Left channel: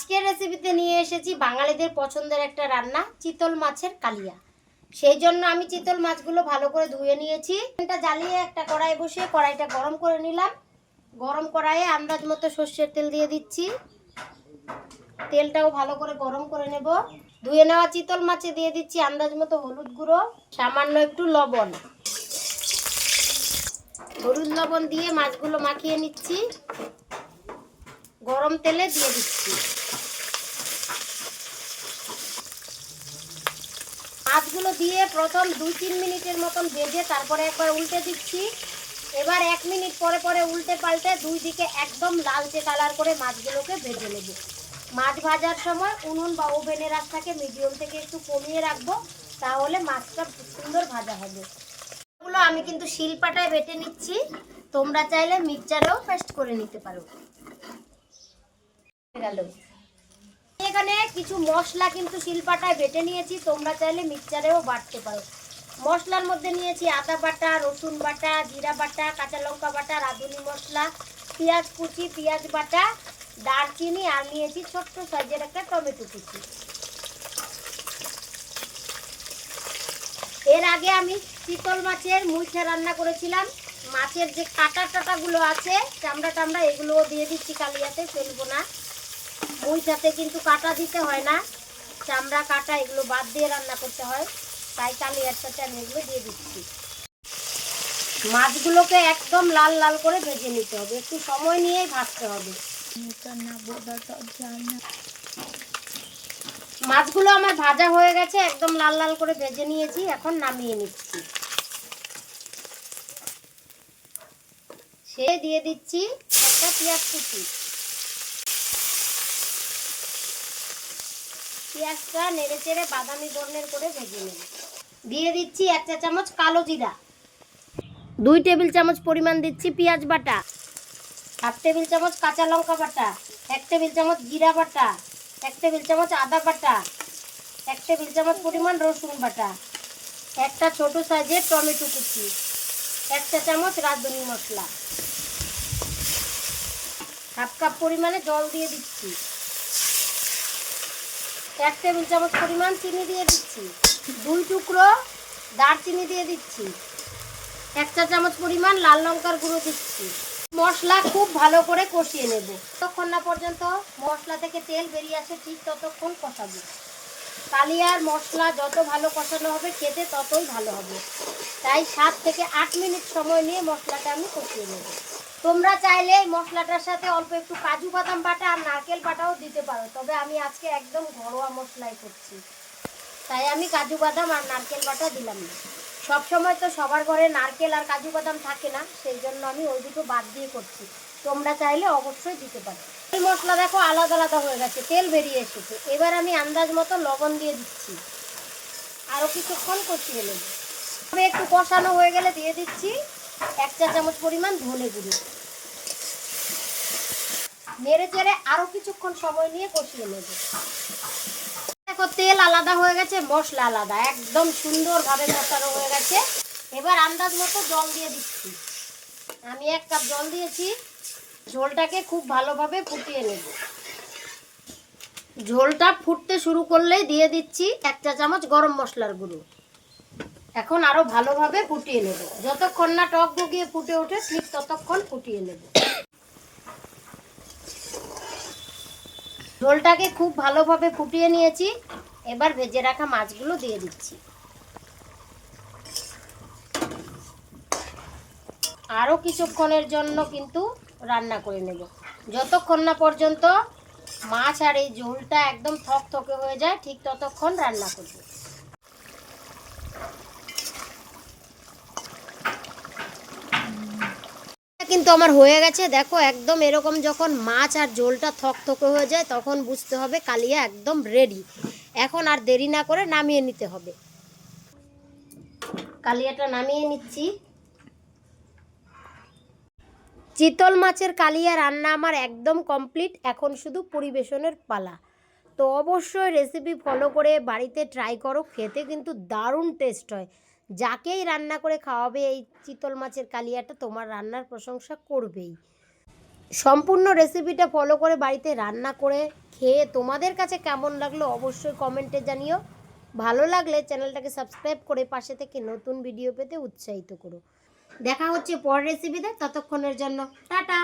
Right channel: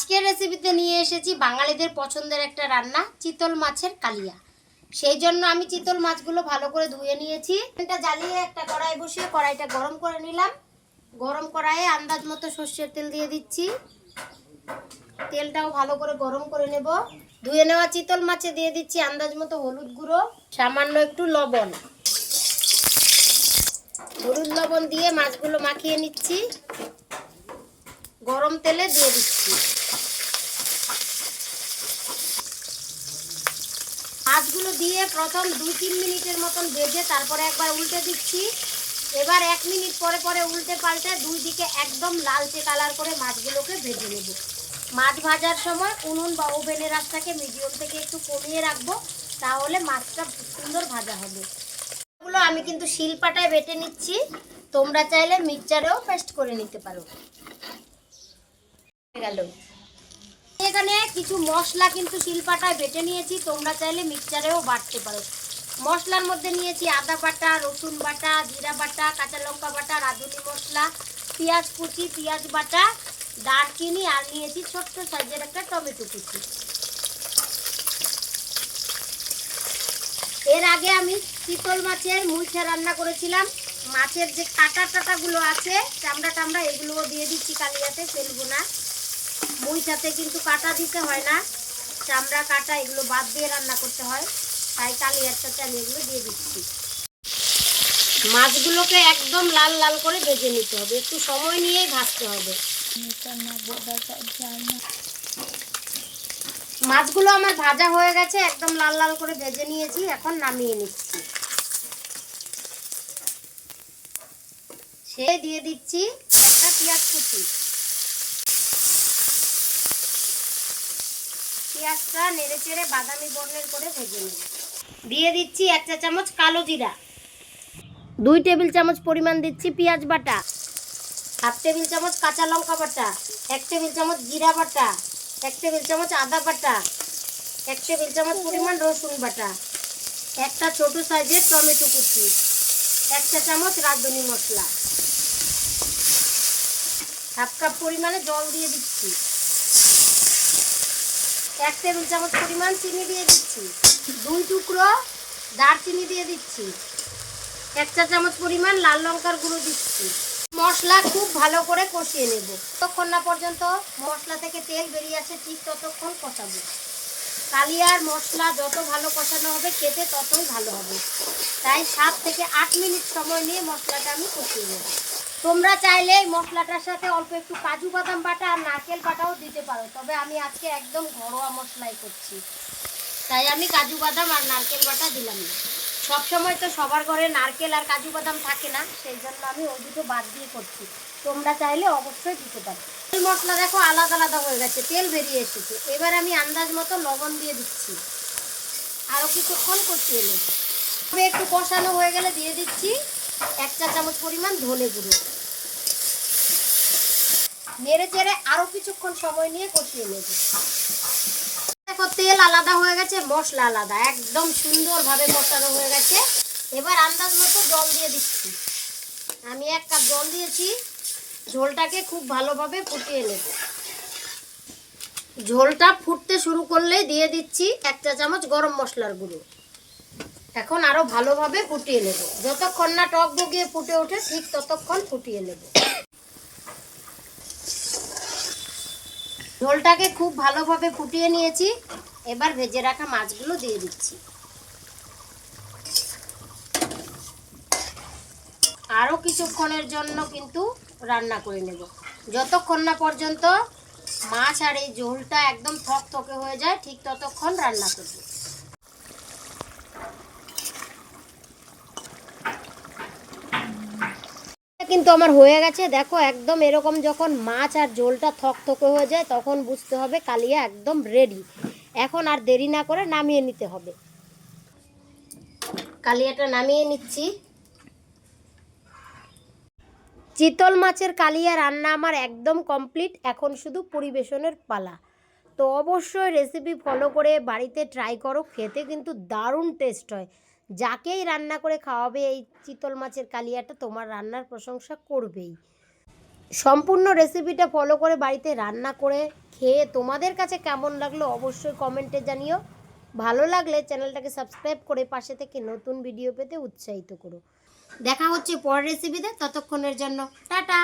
আজকের রেসিপিতে নিয়ে এসেছি বাঙালিদের পছন্দের একটা রান্না, চিতল মাছের কালিয়া। সেই জন্য আমি চিতল মাছগুলো ভালো করে ধুয়ে নিয়েছি। এটা জ্বালিয়ে একটা কড়াই বসিয়ে কড়াইটা গরম করে নিলাম। গরম কড়াইয়ে আন্দাজ মতো সর্ষের তেল দিয়ে দিচ্ছি। তেলটাও ভালো করে গরম করে নেব। ধুয়ে নেওয়া চিতল মাছে দিয়ে দিচ্ছি আন্দাজ মতো হলুদ গুঁড়ো, সামান্য একটু লবণ। হলুদ লবণ দিয়ে মাছগুলো মাখিয়ে নিচ্ছি। গরম তেলে দিয়ে দিচ্ছি। মাছগুলো দিয়ে প্রথম দুই তিন মিনিটের মতন ভেজে তারপরে একবার উল্টে দিচ্ছি। এবার এক মিনিট পরে পরে উল্টে পাল্টে দুই দিকে একদম লালচে কালার করে মাছগুলোকে ভেজে নেব। মাছ ভাজার সময় উনুন বা ওভেনের আঁচটাকে মিডিয়াম থেকে একটু কমিয়ে রাখব, তাহলে মাছটা সুন্দর ভাজা হবে। এগুলো আমি কিন্তু শিলপাটায় বেটে নিচ্ছি। তোমরা চাইলে মিক্সচারেও পেস্ট করে নিতে পারো। গেল। এখানে কিছু মশলা কিন্তু শিলপাটায় বেটে নিয়েছি, তোমরা চাইলে মিক্সচারেও বাটতে পারো। মশলার মধ্যে নিয়েছি আদা বাটা, রসুন বাটা, জিরা বাটা, কাঁচা লঙ্কা বাটা, রাঁধুনি মশলা, পেঁয়াজ কুচি, পেঁয়াজ বাটা, দারচিনি, আর নিয়েছি ছোট্ট সাইজের একটা টমেটো কুচি। এর আগে আমি চিতল মাছের মুইঠা রান্না করেছিলাম। মাছের যে কাটা টাটাগুলো আছে, চামড়া টামড়া, এগুলোও দিয়ে দিচ্ছি কালিয়াতে, ফেলব না। মুইটাতে কিন্তু কাটা দিতে হয় না। চামড়া, কাটা এগুলো বাদ দিয়ে রান্না করতে হয়। তাই কালিয়ার সাথে আমি এগুলো দিয়ে দিচ্ছি। মাছগুলোকে একদম লাল লাল করে ভেজে নিতে হবে। একটু সময় নিয়েই ভাজতে হবে। মাছগুলো আমার ভাজা হয়ে গেছে, একদম লাল লাল করে ভেজে নিয়েছি। এখন নামিয়ে নিচ্ছি। সে দিয়ে দিচ্ছি একটা পেঁয়াজ কুচি। পেঁয়াজটা নেড়ে চেড়ে বাদামি বর্ণের করে ভেজে নেব দিয়ে দিচ্ছি এক চা চামচ কালো জিরা। দুই টেবিল চামচ পরিমাণ দিচ্ছি পেঁয়াজ বাটা। হাফ টেবিল চামচ কাঁচা লঙ্কা বাটা। এক টেবিল চামচ জিরা বাটা। এক টেবিল চামচ আদা বাটা। এক টেবিল চামচ পরিমাণ রসুন বাটা। একটা ছোট সাইজের টমেটো কুচি। একটা চামচ রাঁধুনি মশলা। হাফ কাপ পরিমাণে জল দিয়ে দিচ্ছি। এক টেবিল চামচ পরিমাণ চিনি দিয়ে দিচ্ছি। দুই টুকরো দারচিনি দিয়ে দিচ্ছি। এক চা চামচ পরিমাণ লাল লঙ্কার গুঁড়ো দিচ্ছি। মশলা খুব ভালো করে কষিয়ে নেব। ততক্ষণ না পর্যন্ত মশলা থেকে তেল বেরিয়ে আসে, ঠিক ততক্ষণ কষাবো। কালিয়ার মশলা যত ভালো কষানো হবে, খেতে ততই ভালো হবে। তাই সাত থেকে আট মিনিট সময় নিয়ে মশলাটা আমি কষিয়ে নেব। তোমরা চাইলে এই মশলাটার সাথে অল্প একটু কাজু বাদাম বাটা আর নারকেল বাটাও দিতে পারো। তবে আমি আজকে একদম ঘরোয়া মশলাই করছি। তাই আমি কাজু বাদাম আর নারকেল বাটা দিলাম না। সব সময় তো সবার ঘরে নারকেল আর কাজু বাদাম থাকে না, সেই জন্য আমি ওই দুটো বাদ দিয়ে করছি। তোমরা চাইলে অবশ্যই দিতে পারো। এই মশলা দেখো আলাদা আলাদা হয়ে গেছে, তেল বেরিয়ে এসেছে। এবার আমি আন্দাজ মতো লবণ দিয়ে দিচ্ছি। আরও কিছুক্ষণ কষিয়ে তবে একটু কষানো হয়ে গেলে দিয়ে দিচ্ছি। এক চা চামচ পরিমাণ ধনে গুঁড়ো। নেড়ে চেড়ে আরও কিছুক্ষণ সময় নিয়ে কষিয়ে নেব। দেখো তেল আলাদা হয়ে গেছে, মশলা আলাদা। একদম সুন্দরভাবে কষানো হয়ে গেছে। এবার আন্দাজ মতো জল দিয়ে দিচ্ছি। আমি এক কাপ জল দিয়েছি। ঝোলটাকে খুব ভালোভাবে ফুটিয়ে নেব। ঝোলটা ফুটতে শুরু করলে দিয়ে দিচ্ছি এক চা চামচ গরম মশলার গুঁড়ো। এখন আরও ভালোভাবে ফুটিয়ে নেব। যতক্ষণ না টক বগিয়ে ফুটে ওঠে, ঠিক ততক্ষণ ফুটিয়ে নেব। ঝোলটাকে খুব ভালোভাবে ফুটিয়ে নিয়েছি। এবার ভেজে রাখা মাছগুলো দিয়ে দিচ্ছি। আরও কিছুক্ষণের জন্য কিন্তু রান্না করে নেব। যতক্ষণ না পর্যন্ত মাছ আর এই ঝোলটা একদম থকথকে হয়ে যায়, ঠিক ততক্ষণ রান্না করব। কিন্তু আমার হয়ে গেছে। দেখো, একদম এরকম যখন মাছ আর ঝোলটা থকথকে হয়ে যায়, তখন বুঝতে হবে কালিয়া একদম রেডি এখন আর দেরি না করে নামিয়ে নিতে হবে। কালিয়াটা নামিয়ে নিচ্ছি। চিতল মাছের কালিয়া রান্না আমার একদম কমপ্লিট এখন শুধু পরিবেশনের পালা। তো অবশ্যই রেসিপি ফলো করে বাড়িতে ট্রাই করো, খেতে কিন্তু দারুণ টেস্ট হয়। যাকেই রান্না করে খাওয়াবে এই চিতল মাছের কালিয়াটা তোমার রান্নার প্রশংসা করবেই। সম্পূর্ণ রেসিপিটা ফলো করে বাড়িতে রান্না করে খেয়ে তোমাদের কাছে কেমন লাগল অবশ্যই কমেন্টে জানিও। ভালো লাগলে চ্যানেলটাকে সাবস্ক্রাইব করে পাশে থেকে নতুন ভিডিও পেতে উৎসাহিত করো। দেখা হচ্ছে পর রেসিপিতে ততক্ষণের জন্য টাটা!